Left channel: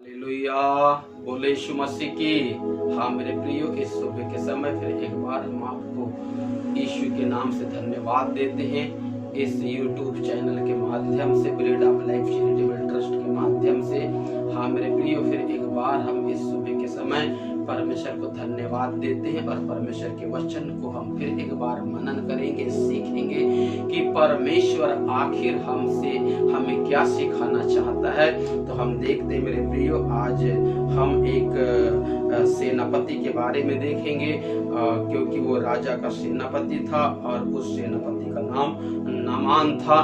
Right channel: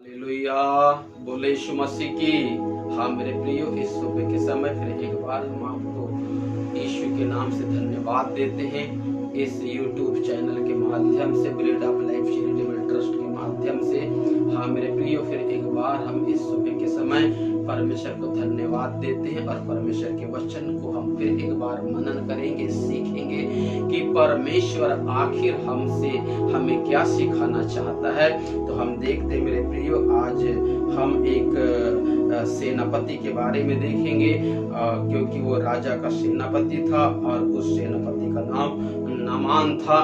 Hallelujah, बोले यीशु मसीह की। हाँ मेरे प्रियो, इस सुबह के समय फिर एक बार हम आपको यीशु के नाम से धन्यवाद देते हैं। इस YouTube चैनल के माध्यम से, bread of life charitable trust के माध्यम से, हाँ मेरे प्रियो, फिर एक बार हम इस सुबह के समय परमेश्वर को धन्यवाद देते हैं और परमेश्वर के वचन को हम फिर एक बार मनन करेंगे, सीखेंगे कि परमेश्वर आखिर हमसे हमें क्या सिखाना चाहता है। तो हम देखते हैं मेरे प्रियो, आज हम एक सेनापति के बारे में देखेंगे, क्योंकि वो राजा का सेनापति था और उस सेनापति का नाम नामान था।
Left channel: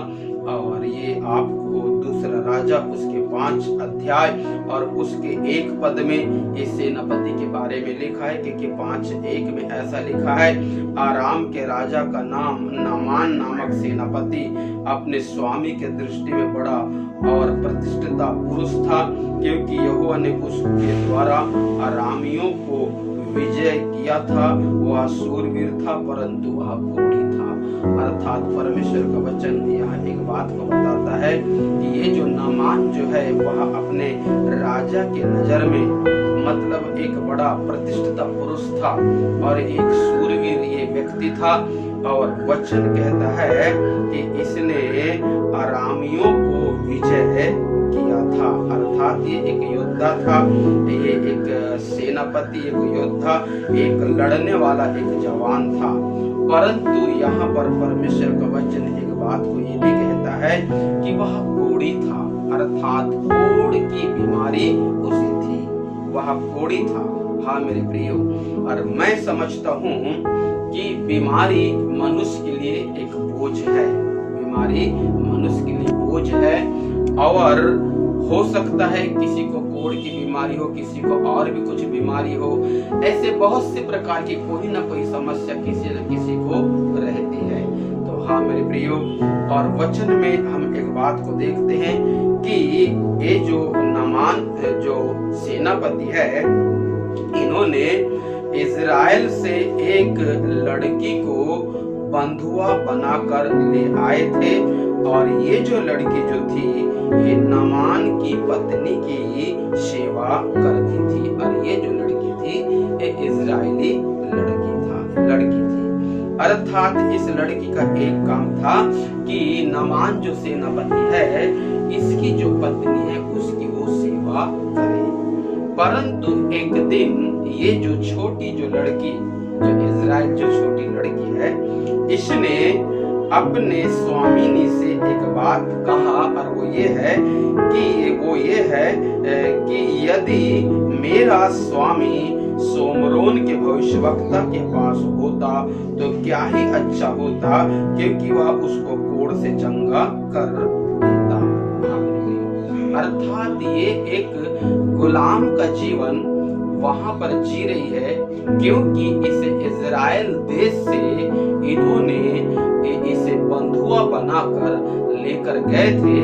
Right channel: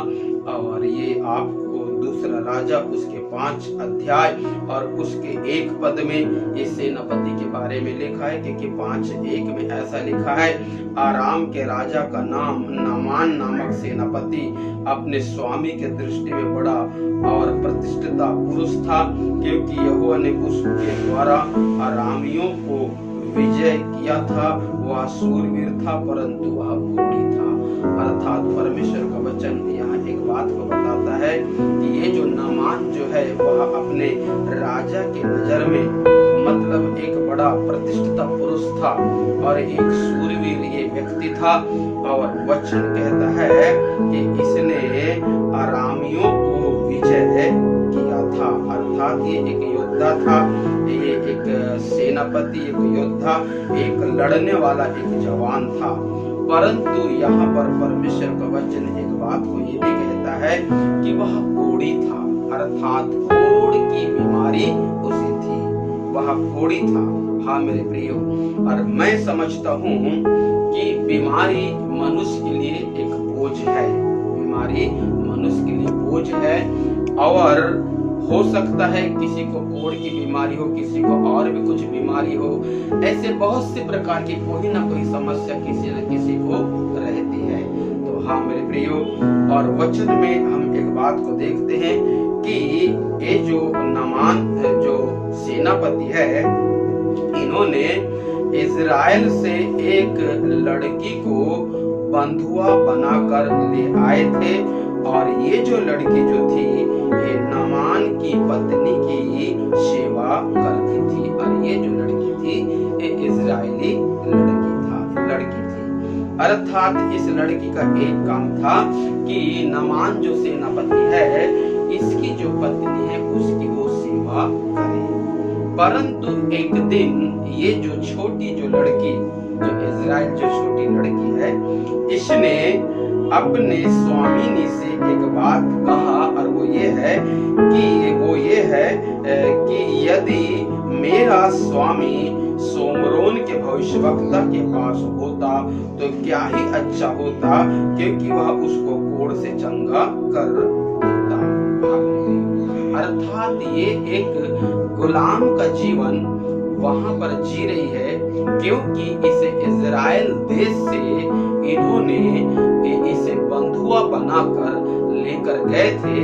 और ये आपको दूसरा राजा उसके 5 अध्याय और उसके 1 पद में ये सेनापति के बारे में लिखा है, क्योंकि 5:1 में ऐसा लिखा है, आराम के राजा का नाम नामान नामक सेनापति अपने स्वामी के दृष्टि में बड़ा और प्रतिष्ठित पुरुष था, क्योंकि यहोवा ने उसके द्वारा अरामियों को विजय किया था। वह सूरवीर था परंतु वह घोड़ी था। अर्थात परमेश्वर का वचन यहाँ एक बात को बताता है कि ये जो नामान जो है वह अपने राजा के नजर में मतलब एक बड़ा प्रतिष्ठित पुरुष था और एक सूरवीर ये व्यक्ति था। और वचन कहता है कि इसने अरामियों को विजय किया था। अर्थात ये एक योद्धा था, ये एक सेनापति, एक योद्धा, एक लड़ने वाला, एक जवान था। परंतु यहाँ पर परमेश्वर का वचन एक बात को ये भी कहता है कि वह कोढ़ी था। अर्थात कोढ़ की बीमारी उसे थी, वह कोढ़ी था। हाँ मेरे प्रियो, और मैं समझता हूँ कि बीमारी मनुष्य के लिए एक बोझ है। बीमारी मनुष्य के लिए बोझ है और हो सकता है किसी को कोढ़ की बीमारी हो, किसी को और भी कुछ बीमारी हो। ऐसे बहुत से प्रकार की कोई ना कोई समस्या किसी न किसी को रहती है। तो हाँ मेरे प्रियो, और वचन में हम एक बात को देखते हैं कि ये जो नामान जो सेनापति है, इन्होंने इजराइल से एक लड़की को बंधुआ बनाकर ले आए थे। और ये जो लड़की जो थी ये नामान की पत्नी की सेवा करती थी। और ये जो लड़की थी ये इजरायली लड़की थी। अर्थात इस लड़की का एक काम था कि नामान जो सेनापति है, इसकी जो पत्नी है उसकी वो सेवा करे। परंतु एक दिन ये जो छोटी जो लड़की, जो इजराइल जो छोटी लड़की है, इसने अपने स्वामिनी से एक बात कहा और वो ये है कि यदि मेरा स्वामी सोमरोन के भविष्यवक्ता के पास होता तो क्या ही अच्छा होता, क्योंकि वह उसको कोढ़ से चंगा कर देता। अर्थात ये एक गुलाम का जीवन वहां पर जी रही है, क्योंकि इसे इजराइल देश से इन्होंने इसे बंधुआ बनाकर लेकर गए थे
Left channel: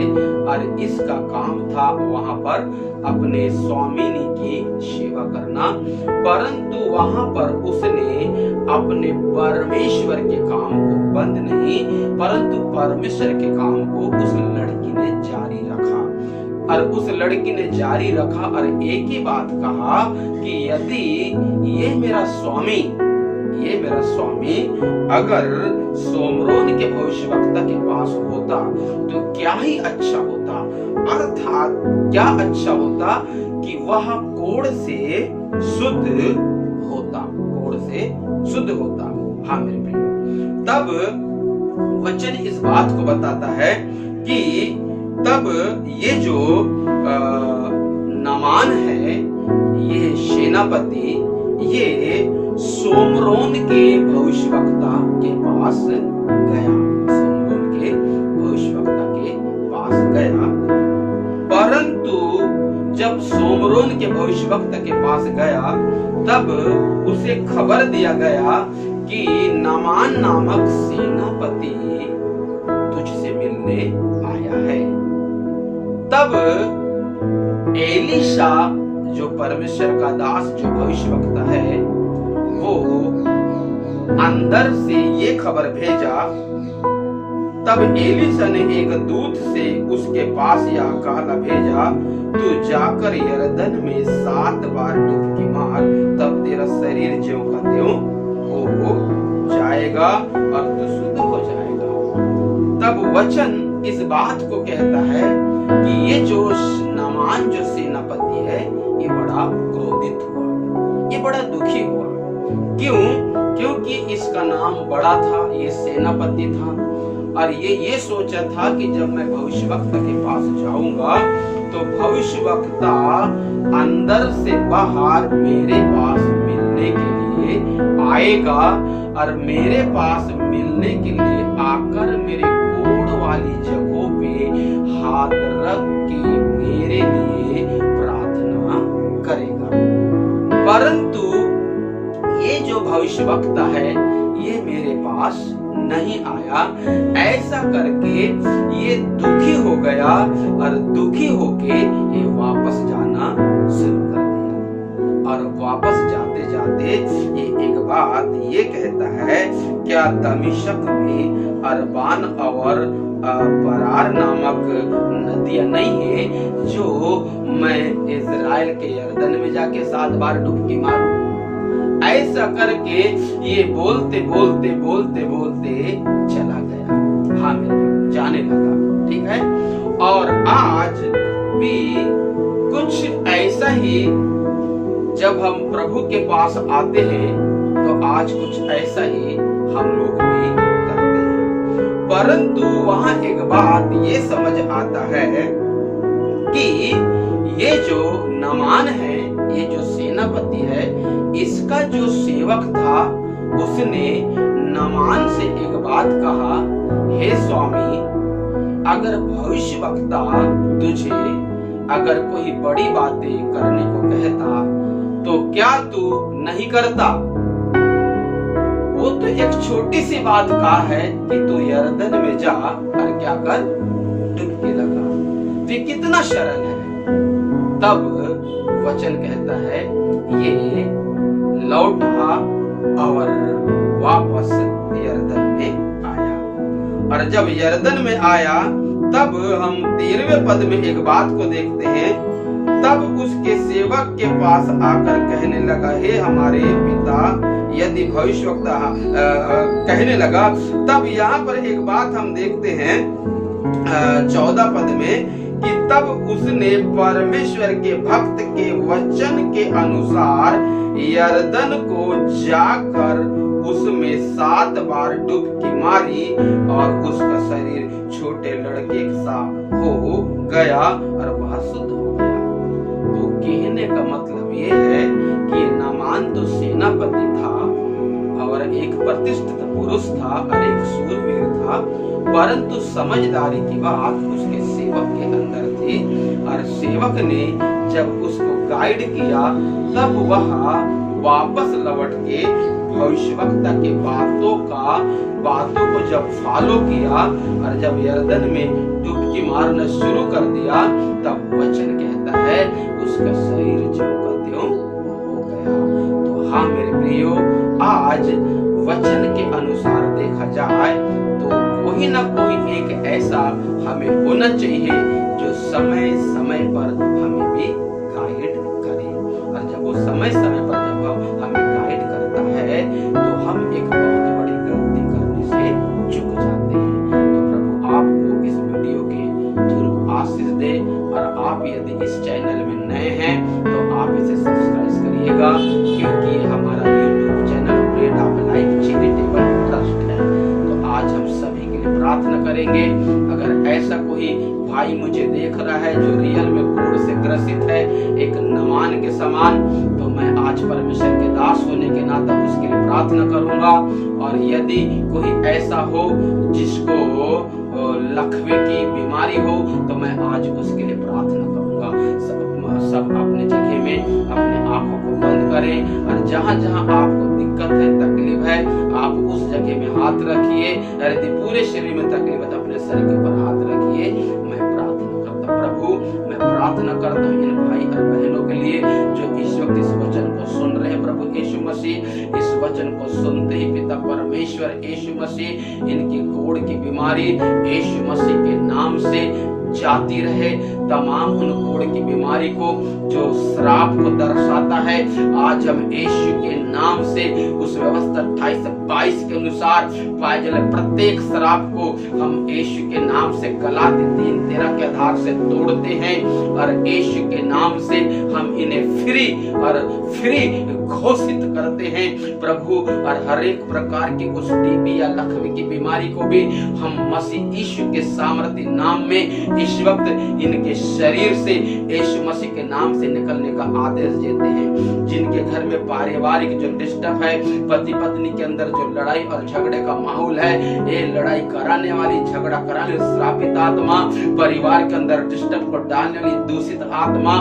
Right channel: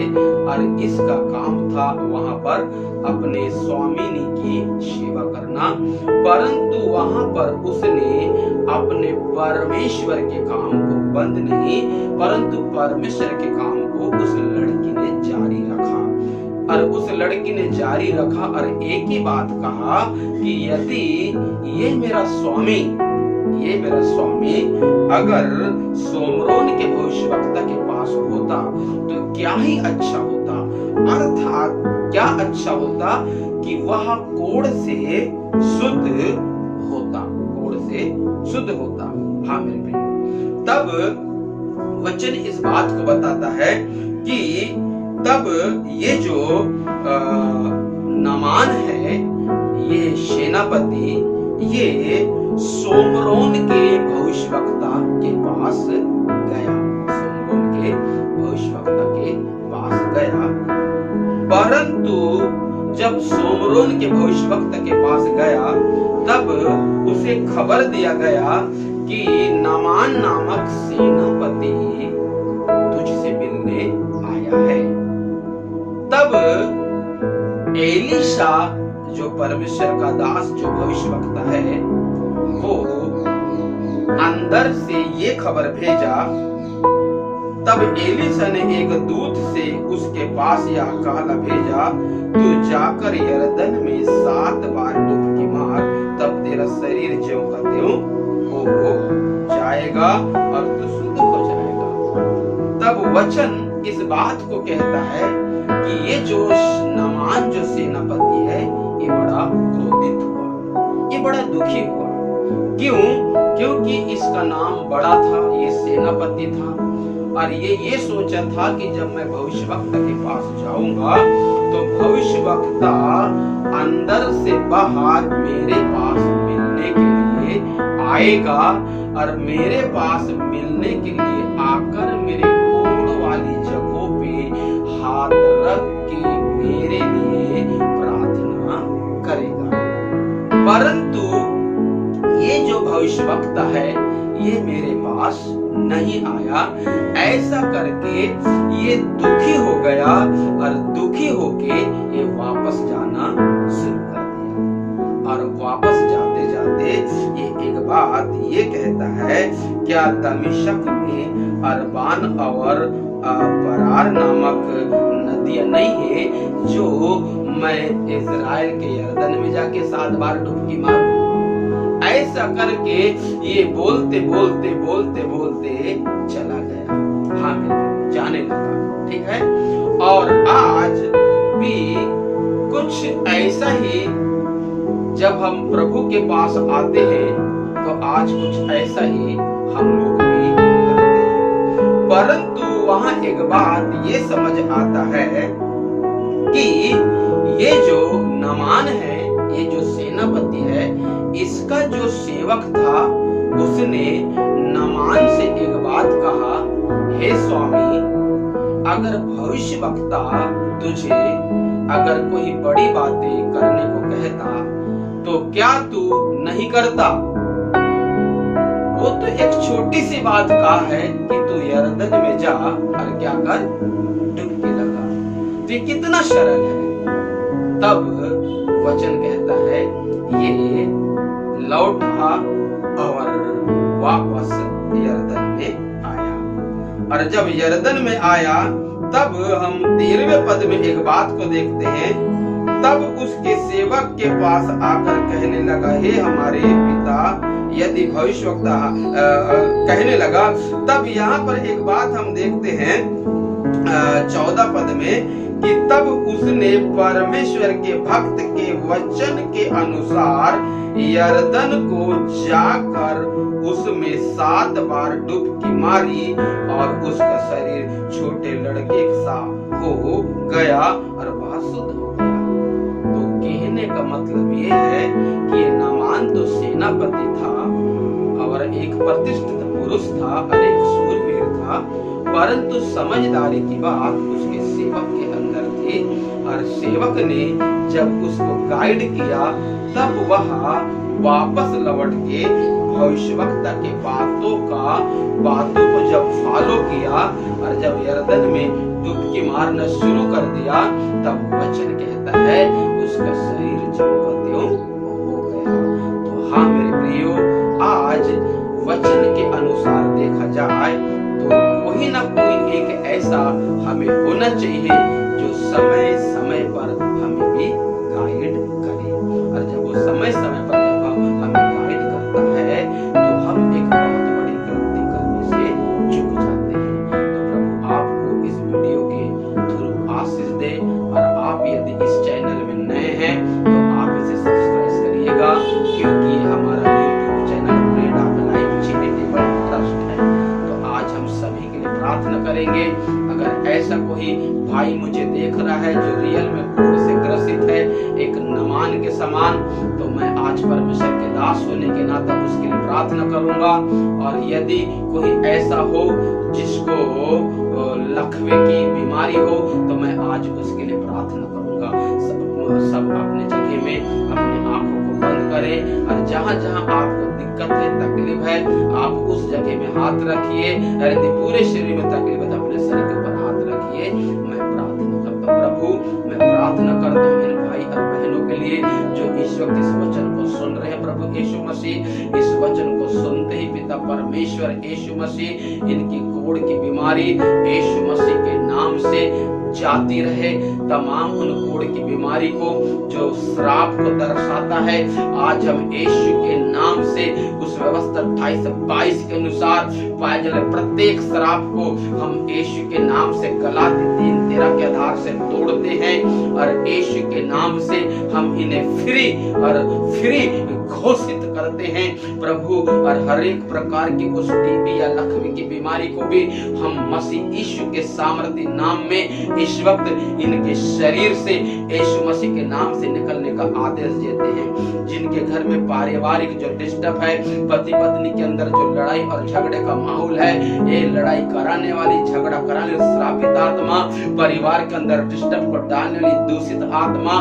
और इसका काम था वहां पर अपने स्वामिनी की सेवा करना। परंतु वहां पर उसने अपने परमेश्वर के काम को बंद नहीं, परंतु परमेश्वर के काम को उस लड़की ने जारी रखा। और उस लड़की ने जारी रखा और एक ही बात कहा कि यदि ये मेरा स्वामी अगर सोमरोन के भविष्यवक्ता के पास होता तो क्या ही अच्छा होता। अर्थात क्या अच्छा होता कि वह कोढ़ से शुद्ध होता। हाँ मेरे प्रियो, तब वचन इस बात को बताता है कि तब ये जो नामान है, ये सेनापति, ये सोमरोन के भविष्यवक्ता के पास गया। परंतु जब सोमरोन के भविष्यवक्ता के पास गया तब उसे खबर दिया गया कि नामान नामक सेनापति तुझसे मिलने आया है। तब एलीशा जो परमेश्वर का दास जो भविष्यवक्ता है, वो अंदर से ये खबर भेजा तब एलीशा ने एक दूत से उसके पास यह कहला भेजा, तू जाकर यरदन में 7 बार डुबकी मार, तब तेरा शरीर ज्यों का त्यों हो जाएगा और तू शुद्ध हो जाएगा। तब वचन इस बात को कहता है कि ये जो नामान जो सेनापति है ये बड़ा क्रोधित हुआ, ये बड़ा दुखी हुआ। क्यों? क्योंकि इसका नाम बड़ा था, ये सेनापति था और ये सोचा था कि जब मैं भविष्यवक्ता के पास जाऊंगा तो भविष्यवक्ता अंदर से बाहर मेरे पास मिलने के लिए आएगा और मेरे पास मिलने के लिए आकर मेरे कोढ़ वाली जगहों पे हाथ रख के मेरे लिए प्रार्थना करेगा। परंतु ये जो भविष्यवक्ता है ये मेरे पास नहीं आया। ऐसा करके ये दुखी हो गया और दुखी होके ये वापस जाना शुरू कर दिया। और वापस जाते जाते ये एक बात ये कहता है, क्या दमिश्क में अरबान और परार नामक नदियां नहीं है जो मैं इजराइल के यरदन में जाके 7 बार डुबकी मारूं? ऐसा करके ये बोलते बोलते बोलते बोलते चला गया। हाँ मेरे जाने लगा, ठीक है। और आज भी कुछ ऐसा ही जब हम प्रभु के पास आते हैं तो आज कुछ ऐसा ही हम लोग भी करते हैं। परंतु वहां एक बात ये समझ आता है कि ये जो नामान है, ये जो सेनापति है, इसका जो सेवक था उसने नामान से एक बात कहा, हे स्वामी, अगर भविष्यवक्ता तुझे अगर कोई बड़ी बातें करने को कहता तो क्या तू नहीं करता? वो तो एक छोटी सी बात कहा है कि तू यरदन में जा और क्या कर, डुबकी लगा। तो ये कितना सरल है। तब वचन कहता है ये लौटा और वापस यरदन में आया। और जब यरदन में आया तब हम 13वें पद में एक बात को देखते हैं, तब उसके सेवक के पास आकर कहने लगा, हे हमारे पिता, यदि भविष्यवक्ता कहने लगा। तब यहाँ पर एक बात हम देखते हैं 14 पद में कि तब उसने परमेश्वर के भक्त के वचन के अनुसार यरदन को जाकर उसमें 7 बार डुबकी मारी और उसका शरीर छोटे लड़के सा हो गया और वह शुद्ध हो गया। तो कहने का मतलब ये है कि ये नामान तो सेनापति था और एक प्रतिष्ठित पुरुष था और एक शूरवीर था, परंतु समझदारी की बात उसके सेवक के अंदर थी। और सेवक ने जब उसको गाइड किया तब वह वापस लौट के भविष्यवक्ता के बातों को जब फॉलो किया और जब यरदन में डुबकी मारना शुरू कर दिया, तब वचन कहता है उसका शरीर ज्यों का त्यों हो गया। तो हाँ मेरे प्रियो, आज वचन के अनुसार देखा जाए तो कोई ना कोई एक ऐसा हमें होना चाहिए जो समय समय पर हमें भी गाइड करे। और जब वो समय समय पर जब हमें गाइड करता है तो हम एक बहुत बड़ी गलती करने से चूक जाते हैं। तो प्रभु आपको इस वीडियो के थ्रू आशीष दे। और आप यदि इस चैनल में नए हैं तो आप इसे सब्सक्राइब करिएगा, क्योंकि हमारा YouTube channel bread of life charitable trust है। तो आज हम सभी के लिए प्रार्थना करेंगे। अगर ऐसा कोई भाई मुझे देख रहा है जो रियल में कोढ़ से ग्रसित है, एक नमान के समान, तो मैं आज परमेश्वर के दास होने के नाते उसके लिए प्रार्थना करूंगा। और यदि कोई ऐसा हो जिसको लकवे की बीमारी हो तो मैं आज उसके लिए प्रार्थना करूंगा। सब अपने जगह में अपने आंखों को बंद करें और जहां जहां आपको दिक्कत है, तकलीफ है, आप उस जगह में हाथ रखिए। यदि पूरे शरीर में तकलीफ है तो अपने शरीर के ऊपर हाथ रखिए। मैं प्रार्थना करता हूँ। प्रभु, मैं प्रार्थना करता हूँ इन भाई और बहनों के लिए जो इस वक्त इस वचन को सुन रहे हैं प्रभु यीशु मसीह, इस वचन को सुनते ही पिता परमेश्वर यीशु मसीह इनकी कोढ़ की बीमारी यीशु मसीह के नाम से जाती रहे। तमाम उन कोढ़ की बीमारी को जो श्राप को दर्शाता है, आज हम यीशु के नाम से उस व्यवस्था 28-22 के अनुसार पाए जाने प्रत्येक श्राप को हम यीशु के नाम से गलाती 3:13 के आधार से तोड़ते हैं और यीशु के नाम से हम इन्हें फ्री घोषित करते हैं प्रभु। और हर एक प्रकार की उस टीबी या लकवे की बीमारी को भी हम मसीह यीशु के सामर्थ्य नाम में इस वक्त इनके शरीर से यीशु मसीह के नाम से निकलने का आदेश देते हैं। जिनके घर में पारिवारिक जो डिस्टर्ब है, पति पत्नी के अंदर जो लड़ाई और झगड़े का माहौल है, ये लड़ाई कराने वाली, झगड़ा कराने वाली श्रापित आत्मा, परिवार के अंदर डिस्टर्ब को डालने वाली दूषित आत्मा,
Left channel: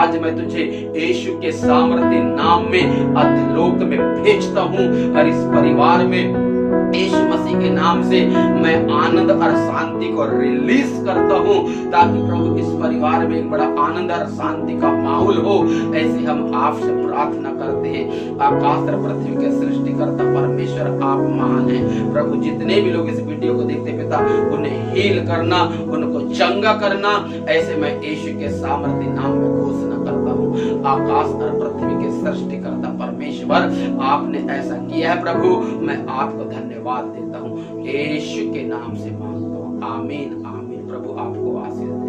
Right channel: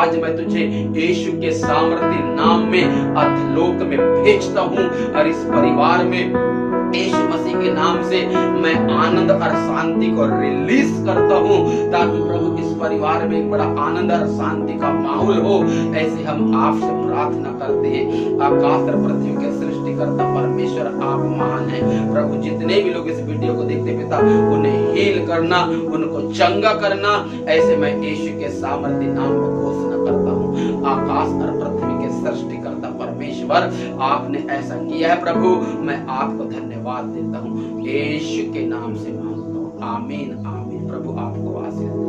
आज मैं तुझे यीशु के सामर्थ्य नाम में अधोलोक में भेजता हूं और इस परिवार में यीशु मसीह के नाम से मैं आनंद और शांति को रिलीज करता हूं, ताकि प्रभु इस परिवार में एक बड़ा आनंद और शांति का माहौल हो। ऐसे हम आपसे प्रार्थना करते हैं। आकाश और पृथ्वी के सृष्टिकर्ता परमेश्वर आप महान हैं प्रभु। जितने भी लोग इस वीडियो को देखते पिता, उन्हें हील करना, उनको चंगा करना, ऐसे मैं यीशु के सामर्थ्य नाम में घोषणा करता हूं। आकाश और पृथ्वी के सृष्टिकर्ता परमेश्वर, आपने ऐसा किया है प्रभु, मैं आपको धन्यवाद देता हूं। यीशु के नाम से मांगता हूं, आमीन आमीन। प्रभु आपको आशीष